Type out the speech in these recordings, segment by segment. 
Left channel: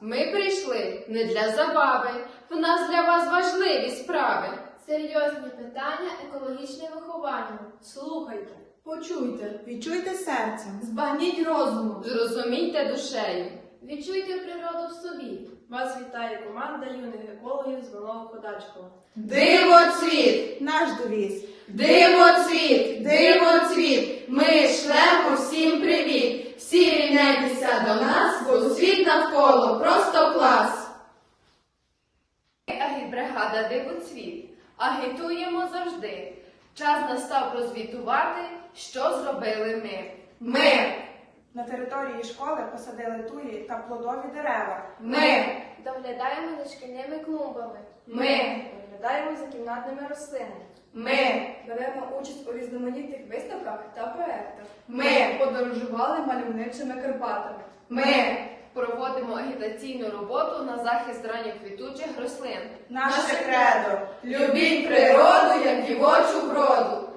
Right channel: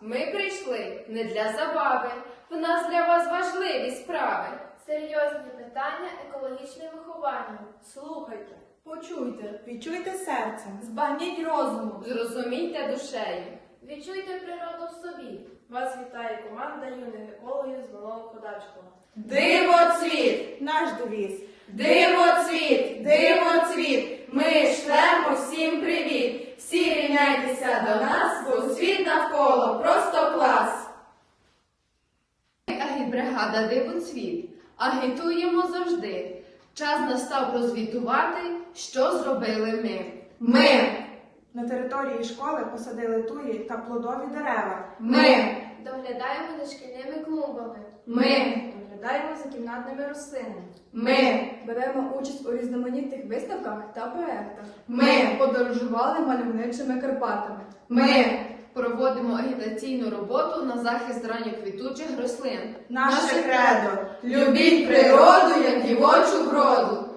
Ми прийшли не для забави, в нас для вас важливі справи. Серйозні питання екологічне виховання. Слухайте, почуйте, Відчуйте серцем. збагніть розумом. Зрозумійте душею. Відчуйте природу в собі. Вас вітає команда юних екологів з Малого Ходачкова. Дивоцвіт! Наш девіз. Дивоцвіт! Дивоцвіт! Ми шлемо всім привіт! Всі рівняйтеся до нас, бо світ навколо просто клас! Агітбригада Дивоцвіт. Агітуємо завжди. Час настав прозвітувати, що зробили ми. Ми! На території школи посадили туї та плодові дерева. Ми! Доглядаємо за шкільними клумбами. Ми! Доглядаємо за кімнатними рослинами. Ми! Беремо участь у різноманітних виставках та проектах. Ми! Подорожували мальовничими Карпатами. Ми! Проводимо агітаційну роботу на захист ранньоквітучих рослин. Наше кредо. Любіть природу, як дівочу вроду!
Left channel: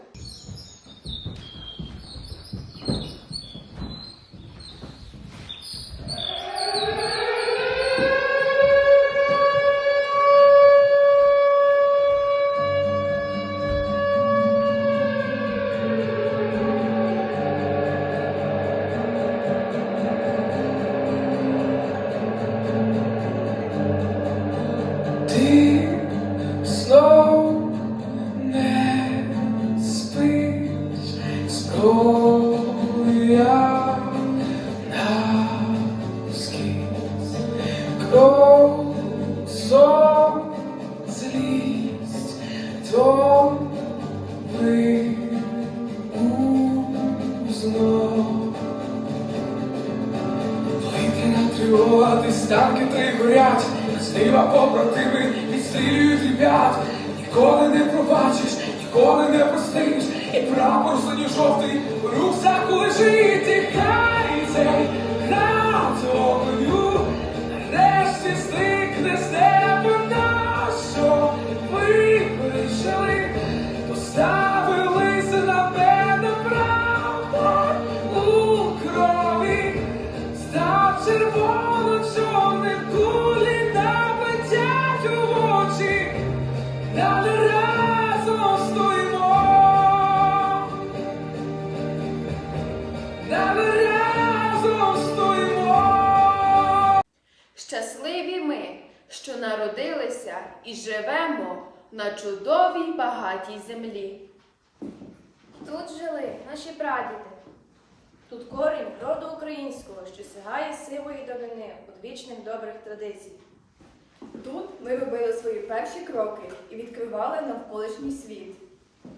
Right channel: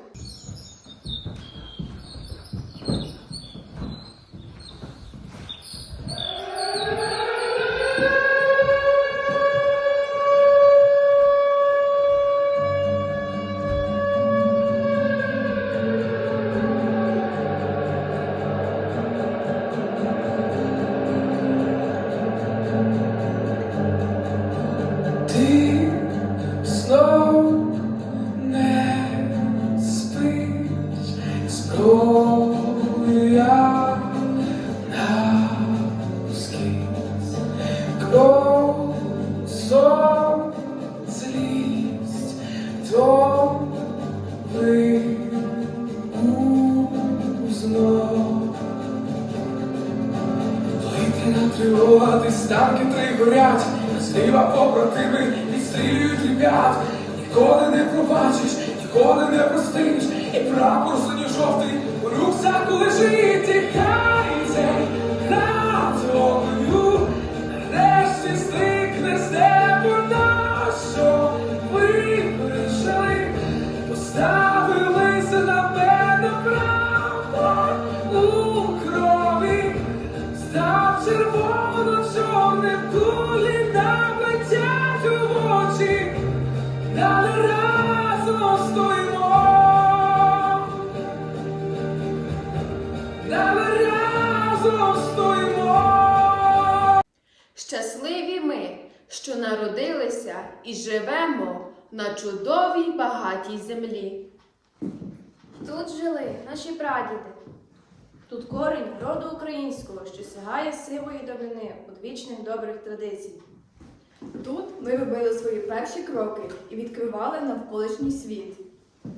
Повітряна станки три горять, зліва побратими відстрілюють ребят. Ніколи не пробачиш, ніколи не простиш, і прапор синьо-жовтий у рюкзаку лежить, і хай цей над Щасливі ми, що народилися і живемо на чудовій багатій землі. Тут жили наші прадіди. Тут корінь роду українського, що сягає сивої давнини одвічних добрих традицій. Тут ми робили свої перші кроки і відкривали навколишній світ.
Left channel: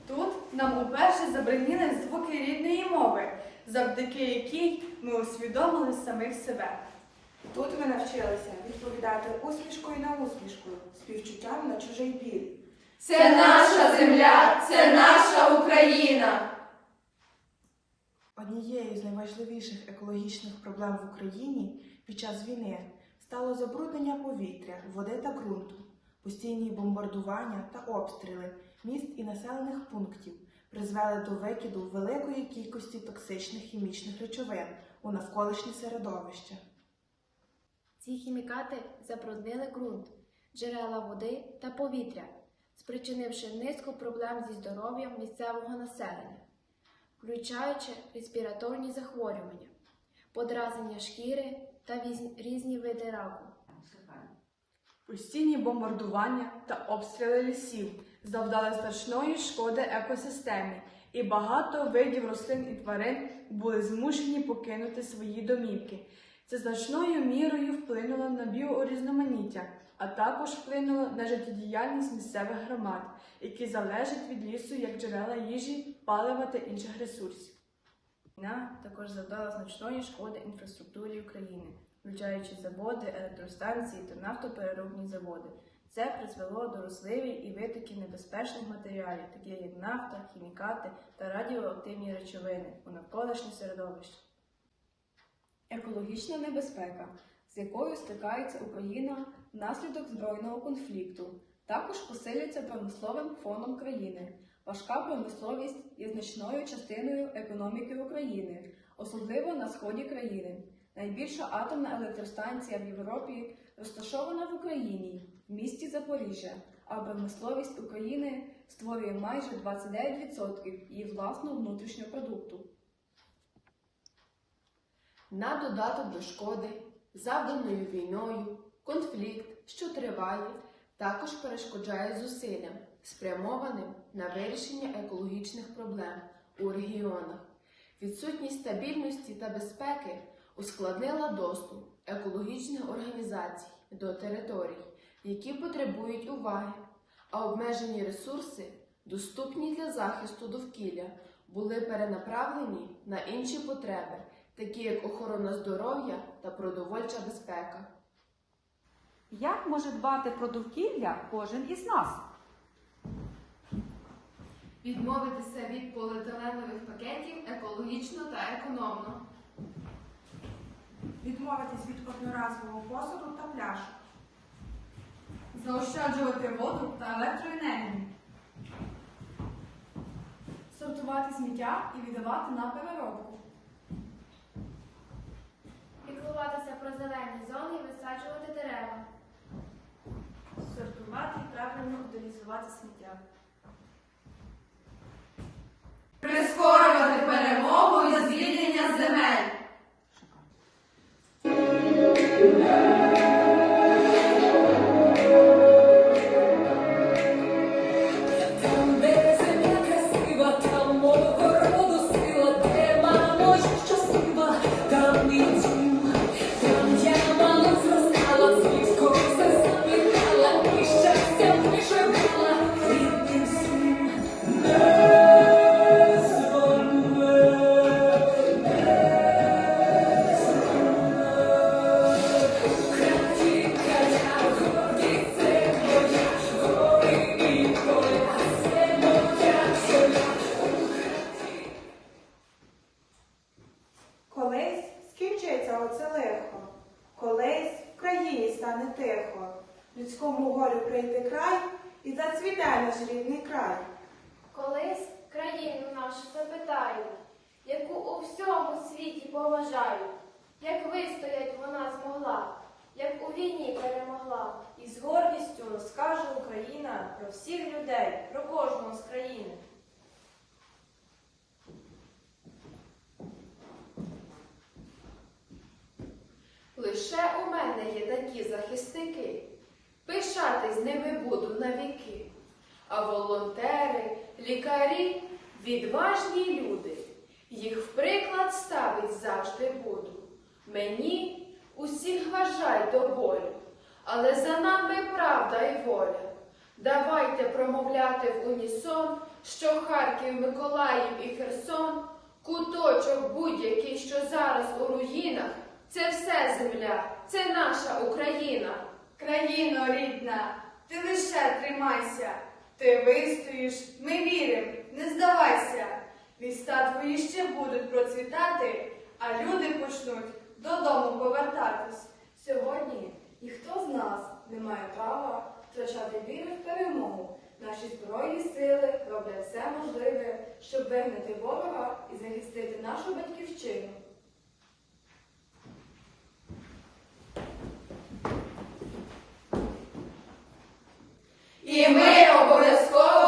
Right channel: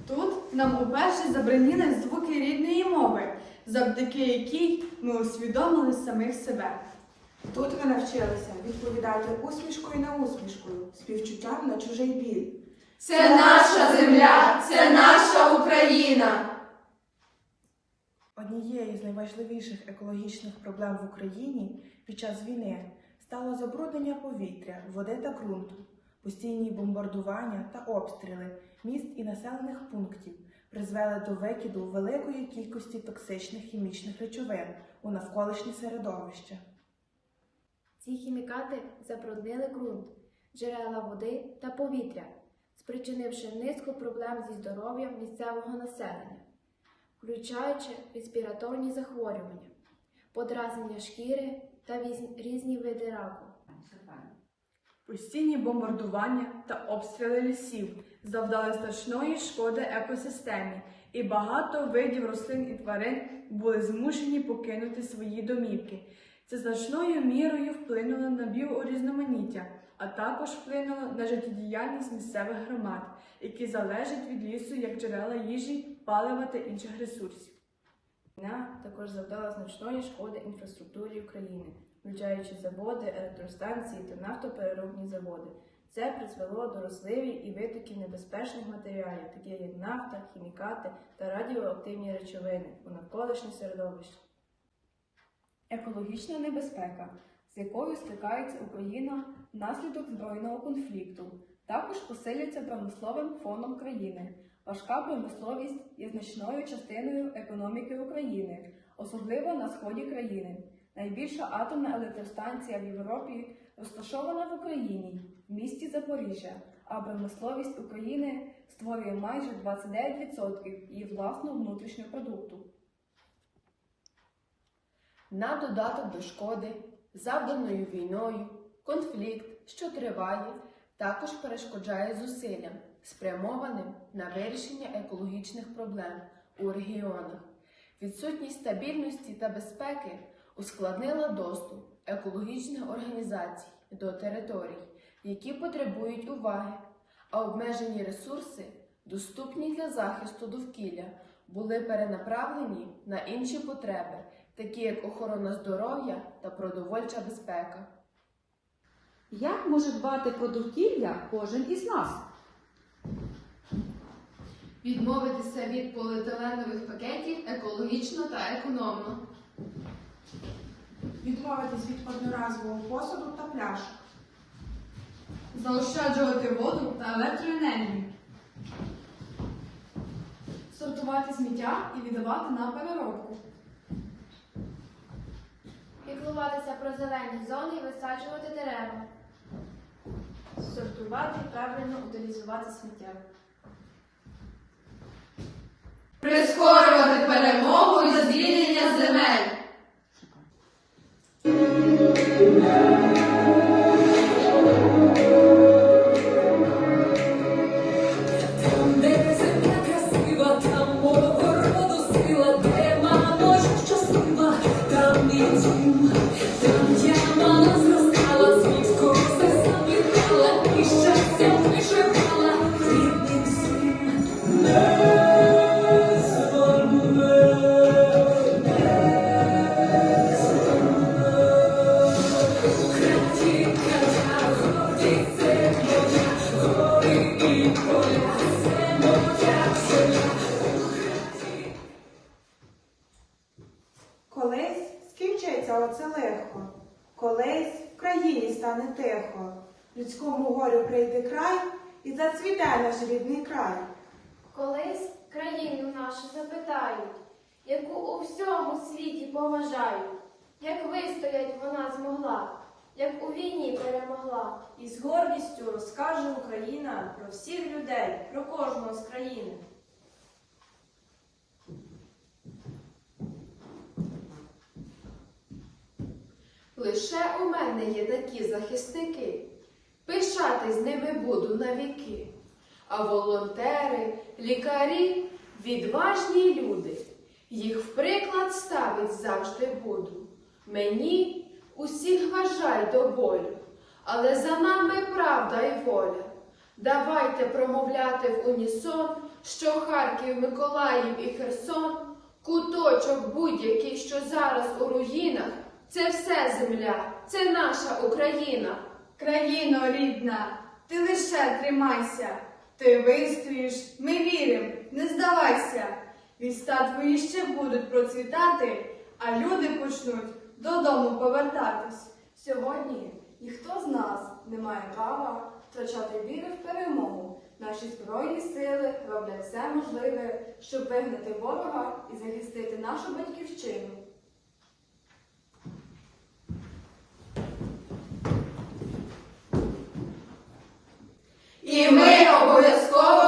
Тут нам уперше забраніли звуки рідної мови, завдяки якій ми усвідомили самих себе. Тут ви навчилися відповідати усмішкою на усмішку, співчуттям на чужий біль. Це наша земля, це наша Україна! Однією з найважливіших екологічних проблем в Україні під час війни стало забруднення повітря, води та ґрунту, постійні бомбардування та обстріли міст і населених пунктів призвели до викиду великої кількості токсичних хімічних речовин у навколишнє середовище. Ці хімікати забруднили ґрунт, джерела води та повітря, спричинивши низку проблем зі здоров'ям місцевого населення, включаючи респіраторні захворювання, подразнення шкіри та різні види раку. Постійні бомбардування та обстріли лісів завдали значної шкоди екосистемі, і багато видів рослин і тварин були змушені покинути свої домівки. Це значною мірою вплинуло на біорізноманіття, а також вплинуло на життєдіяльність місцевих громад, які залежать від лісу як джерела їжі, палива та інших ресурсів. Війна також завдала значної шкоди інфраструктурі України, включаючи заводи, електростанції та нафтопереробні заводи. Це призвело до розливів і витоків небезпечних матеріалів, таких як нафта, хімікати та радіоактивні речовини у навколишнє середовище. Екологічна небезпека, з якою стикається Україна внаслідок збройного конфлікту, також посилюється промисловим фоном країни. Важка промисловість є значною частиною економіки України, особливо на сході країни. Найбільша атомна електростанція в Європі розташована в Україні, в місті Запоріжжя, а промисловість України створює майже 29% її власного внутрішнього продукту. На додаток до шкоди, завданою війною, конфлікт, що триває, також перешкоджає зусиллям, спрямованим на вирішення екологічних проблем у регіонах. Відсутність стабільності та безпеки ускладнила доступ екологічних організацій до територій, які потребують уваги, а обмежені ресурси, доступні для захисту довкілля, були перенаправлені на інші потреби, такі як охорона здоров'я та продовольча безпека. Як може дбати про довкілля кожен із нас? Відмовитися від поліетиленових пакетів екологічно та економно. Відмовитись від одноразового посуду та пляшок. Заощаджувати воду та електроенергію. Сортувати сміття і віддавати на переробку. Піклуватися про зелені зони і висаджувати дерева. Сортувати і правильно утилізувати сміття. Прискорювати перемогу і звільнення земель. Людському горю прийде край і зацвіте наш рідний край. Колись країну нашу запитають, яку у всьому світі поважають, як вистоять вона змогла, як у війні перемогла. І з гордістю розкаже Україна про всіх людей, про кожного з країни. Лише у мене є такі захисники, пишатись ними буду навіки. А волонтери, лікарі, відважні люди, їх в приклад ставить завжди буду. Мені усіх вважай до болю, але за нами правда і воля. Давайте промовляти в унісон, що Харків, Миколаїв і Херсон, куточок будь-який, що зараз у руїнах, це все земля, це наша Україна. Країно рідна, ти лише тримайся, ти вистоїш, ми віримо, не здавайся. Міста твої ще будуть процвітати, а люди почнуть додому повертатись. Сьогодні ніхто з нас не має права втрачати віру в перемогу. Наші збройні сили роблять все можливе, щоб вигнати ворога і захистити нашу батьківщину. і ми обов'язково.